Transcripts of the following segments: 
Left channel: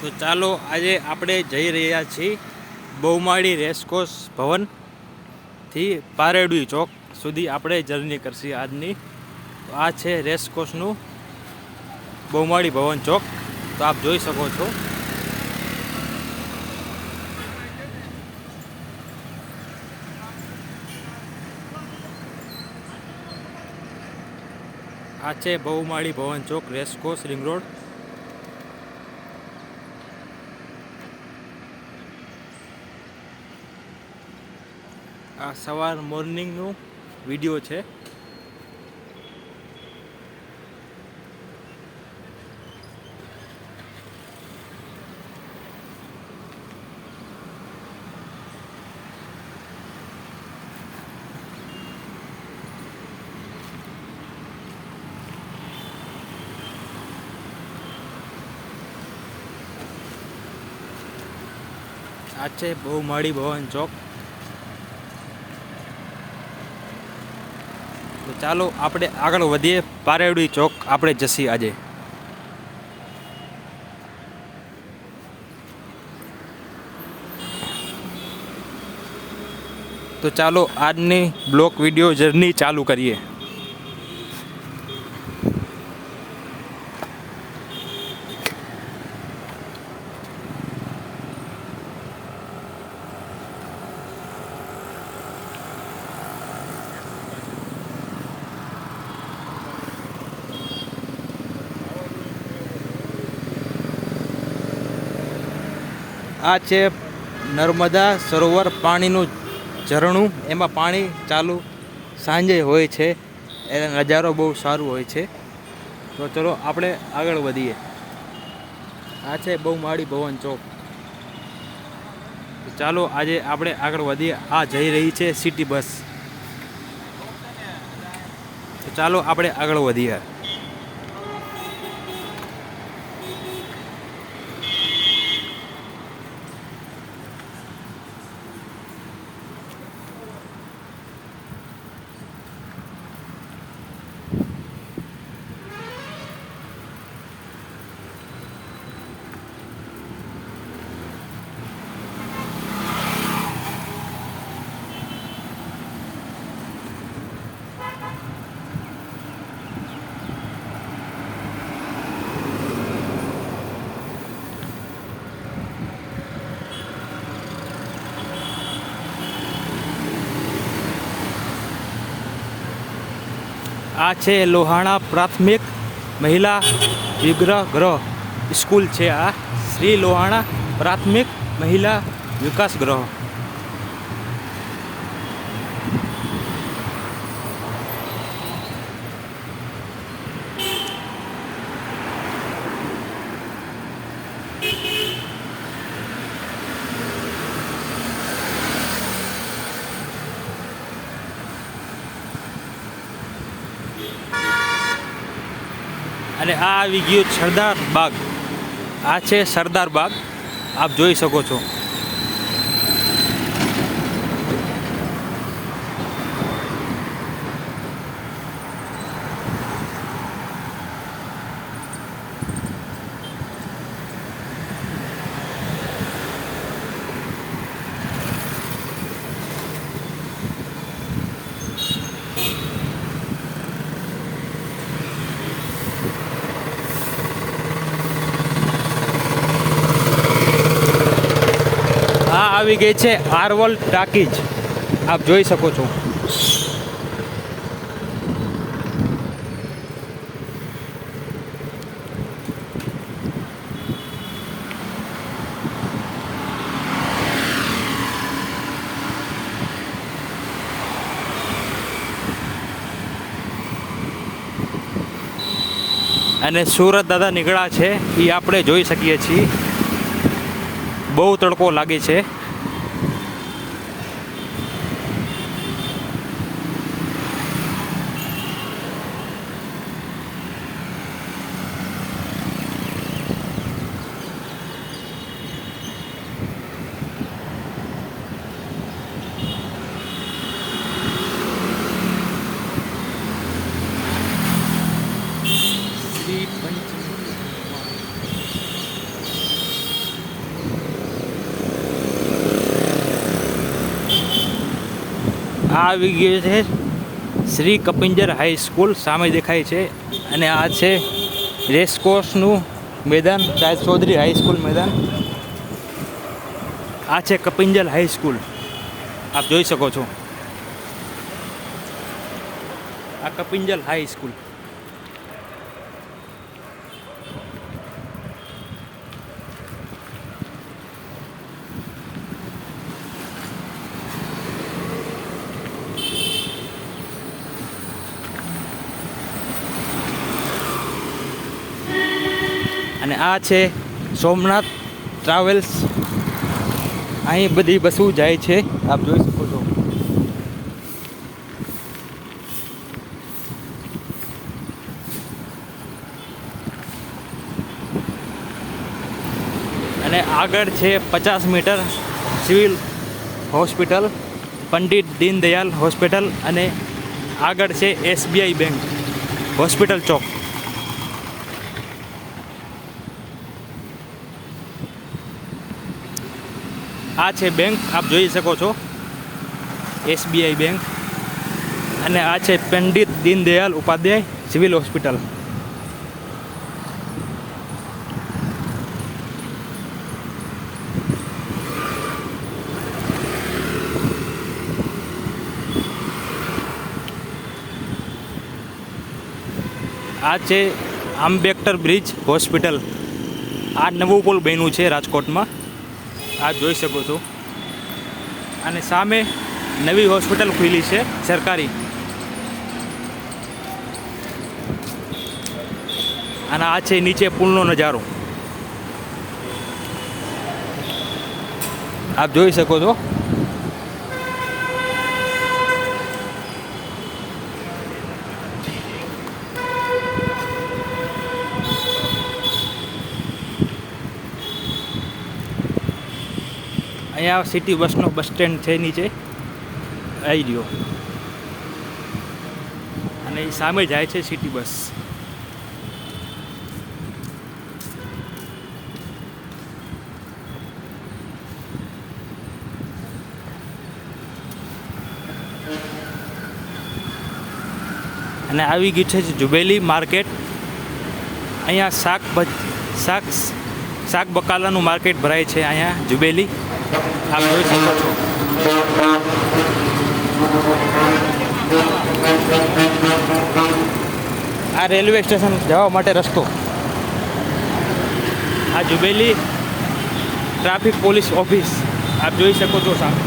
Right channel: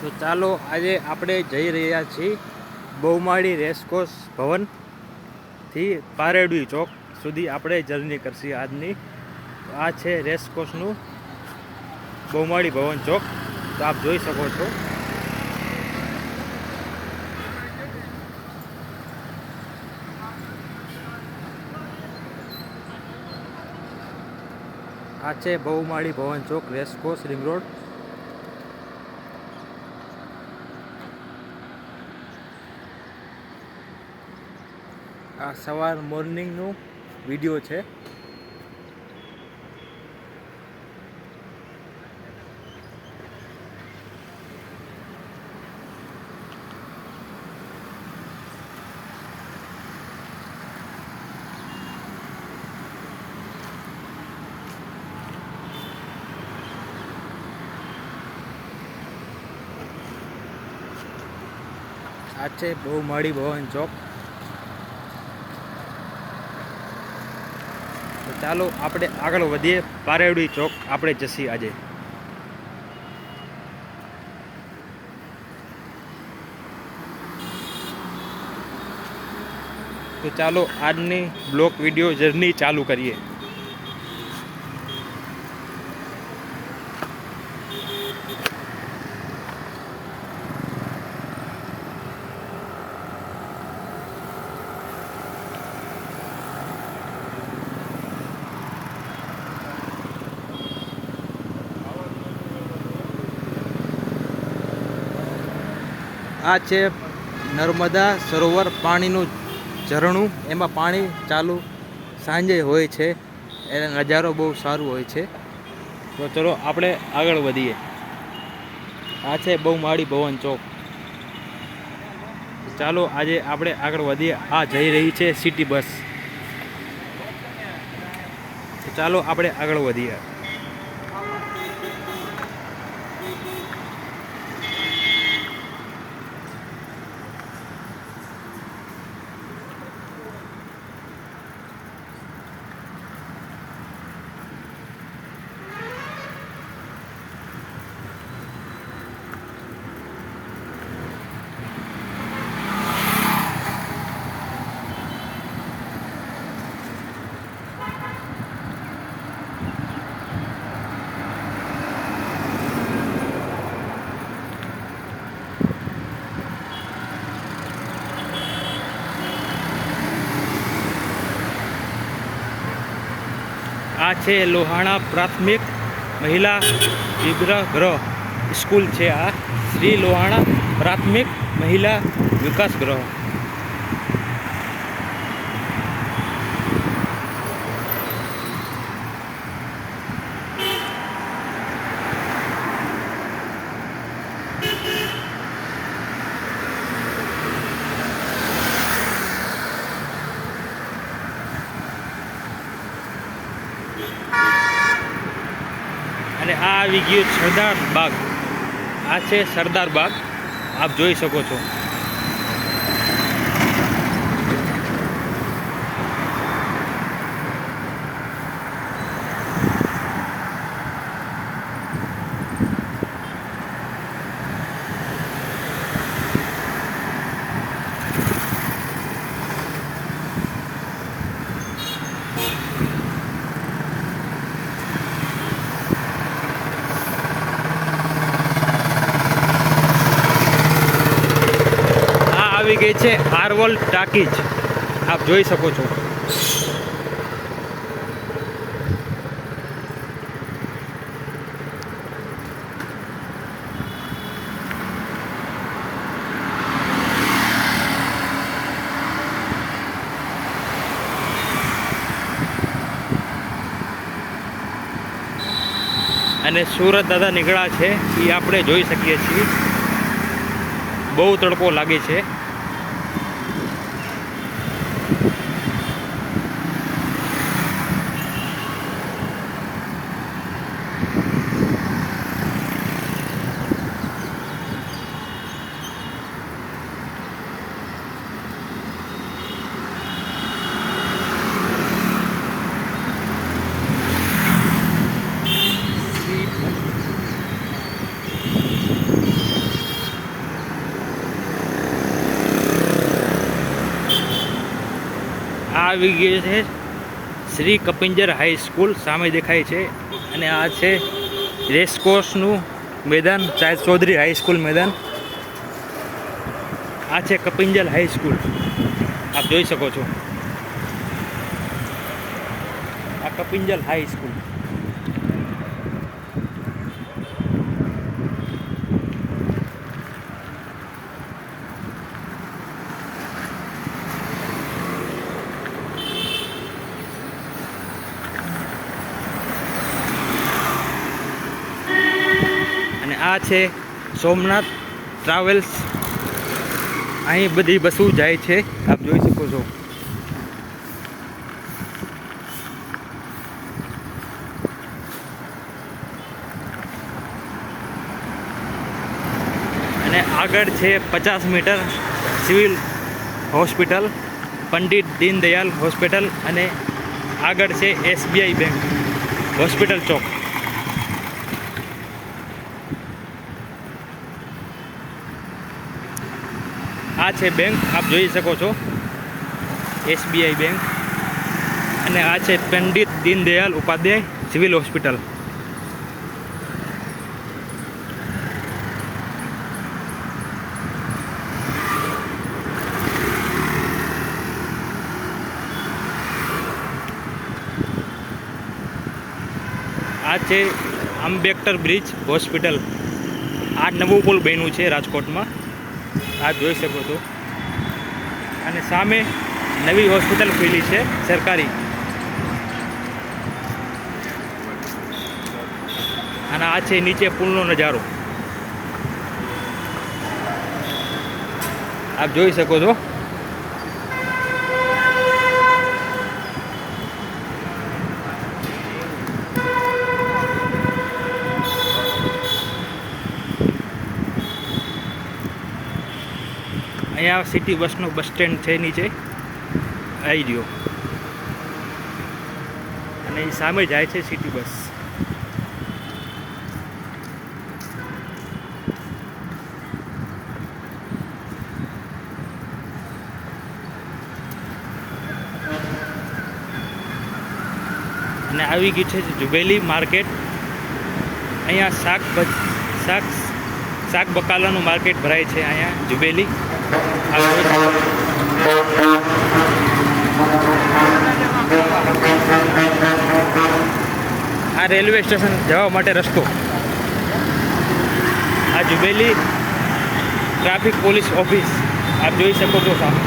તો ચાલો આજે આપણે જઈ રહ્યા છીએ બહુમાળી રેસકોર્સ ભવનથી પારેડી ચોક સુધી આપણે જર્ની કરશી આજની. તો આ છે રેસકોર્સનું બહુમાળી ભવન ચોક. તો આપ જોઈ શકો છો. આ છે બહુમાળી ભવન ચોક, રેસકોર્સ, રિંગ રોડ. આ સવાર મોર્નિંગનું વિડીયો છે. આ છે બહુમાળી ભવન ચોક. તો ચાલો આપણે આગળ વધીએ. પારેડી ચોક આપણે જશી આજે. તો ચાલો આજની બ્લોક વિડીયો જર્ની ચાલુ કરીએ. આ છે નર્મદા સરોવર, પાણીનું ઝરણું. એમાં પાણી ચાલુ સાંજે હોય છે, એનો નજારો બહુ સારું હોય છે. તો ચલો આપણે આગળ વધીએ. આ છે બહુમાળી ભવન ચોક. ચાલો આજે આપણે આગળ વધીએ. આ જઈ રહી છે સિટી બસ. ચાલો આપણે આગળ વધીએ. આ છે લોહાણા પ્રાથમિક મહિલા વિગ્રહ સ્કૂલ છે. આ શ્રી લોહાણા પ્રાથમિક મહિલા વિકાસ ગૃહ. અને આ આવી ગયું સરદાર બાગ. આ છે સરદાર બાગ, આપ જોઈ શકો છો. આવી ગઈ છે આરવલ ટાકીજ, આપ જોઈ શકો છો. અને સુરત દાદા નીકળ્યા છે એ આપણે જોઈ શકીએ છીએ. બહુ તડકો લાગે છે. આ આવી ગયું છે શ્રી કપિંજર હાઈસ્કૂલ, સામે દેખાય છે. અને આ છે રેસકોર્સનું મેદાન, શાયદ ચૌધરી હાઈસ્કૂલ મેદાન. આ છે કપિંજર હાઈસ્કૂલ, આપ જોઈ શકો છો. આ કપિંજર હાઈસ્કૂલ. અને આ છે સોમનાથ ટ્રાવેલ્સ. અહીં બધી બસો જાય છે, આપ જોઈ શકો છો. અને આગળ છે 50 metre civil hospital, Pandit Deendayal hospital. અને આગળ છે SBI બેંક, હોસ્પિટલ ચોક. આ છે બેંક, આપ જોઈ શકો છો, SBI બેંક. અને આ છે પંડિત દીનદયાલ ઉપાધ્યાય સિવિલ હોસ્પિટલ. આ છે આંબેડકર બ્રિજ હોસ્પિટલ. આ નવું પુલ બન્યું છે રાજકોટમાં, આપ જોઈ શકો છો. અને સામે નવી હોસ્પિટલ ખુલી છે સરકારી. અને આ છે નીચે પુલનો નજારો, આપ જોઈ શકો છો. અહીંયા સિટી બસનો બસ સ્ટેન્ડ છે નીચે, આવી રહ્યો. અને એ સામે જાય છે સિટી બસ. અને આવી ગયું છે જુબેલી માર્કેટ. અહીંયા શાક બકાલાનું માર્કેટ ભરાય છે અહીંયા જુબેલી. આ રેલવે સ્ટેશન જવા માટે રસ્તો. આ જુબેલી ટ્રાફિક પોલીસ ઓફિસ, આપ જોઈ શકો છો સામે.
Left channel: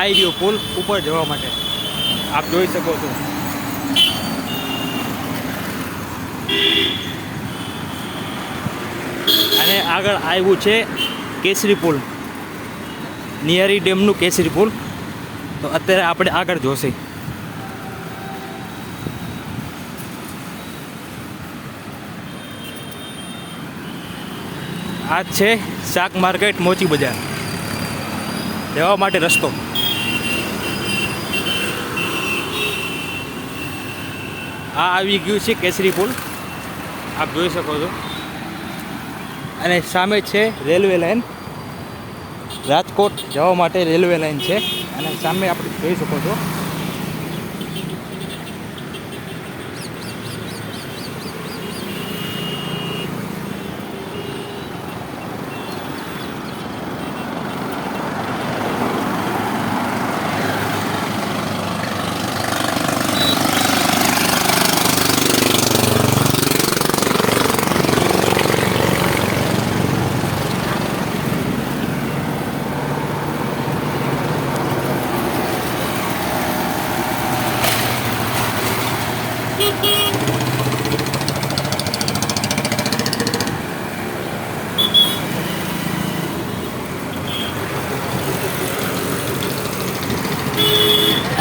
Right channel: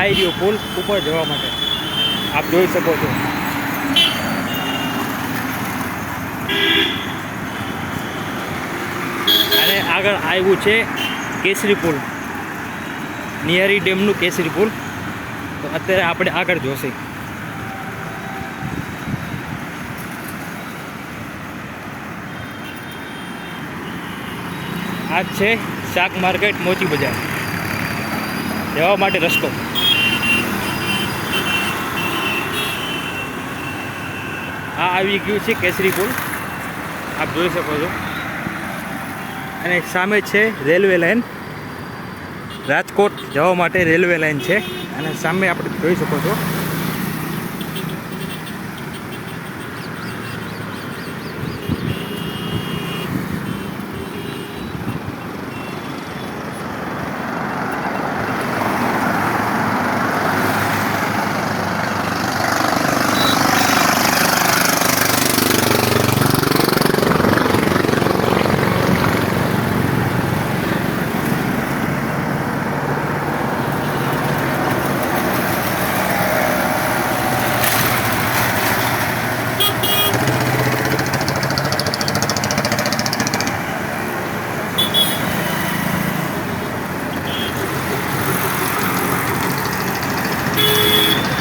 આવી રહ્યો પુલ ઉપર જવા માટે, આપ જોઈ શકો છો. અને આગળ આવ્યું છે કેસરી પુલ, નિયારી ડેમનું કેસરી પુલ. તો અત્યારે આપણે આગળ જોશે. આ છે શાક માર્કેટ મોચી બજાર, જવા માટે રસ્તો. આ આવી ગયું છે કેસરી પુલ, આપ જોઈ શકો છો. અને સામે છે રેલવે લાઇન, રાજકોટ જવા માટે રેલવે લાઇન છે. અને સામે આપણે જોઈ શકો છો.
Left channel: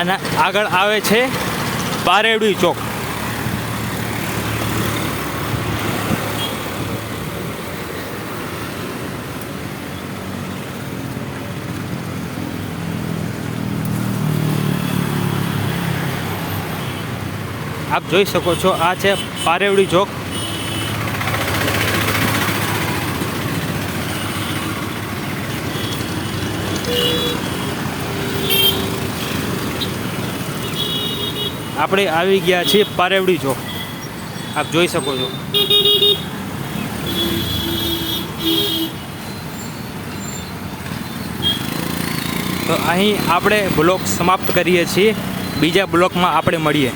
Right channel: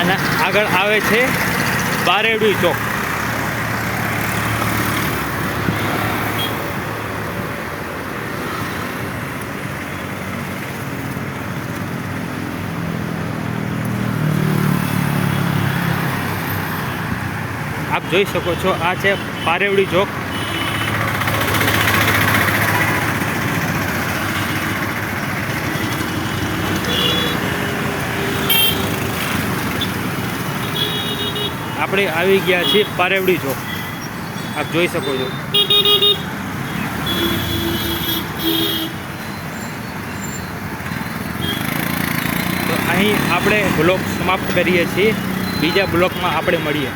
અને આગળ આવે છે પારેવડી ચોક. આપ જોઈ શકો છો આ છે પારેવડી ચોક. આપણે આવી ગયા છીએ પારેવડી ચોક. આપ જોઈ શકો છો. તો અહીં આપણે બ્લોગ સમાપ્ત કરીએ છીએ. બીજા બ્લોગમાં આપણે મળીએ.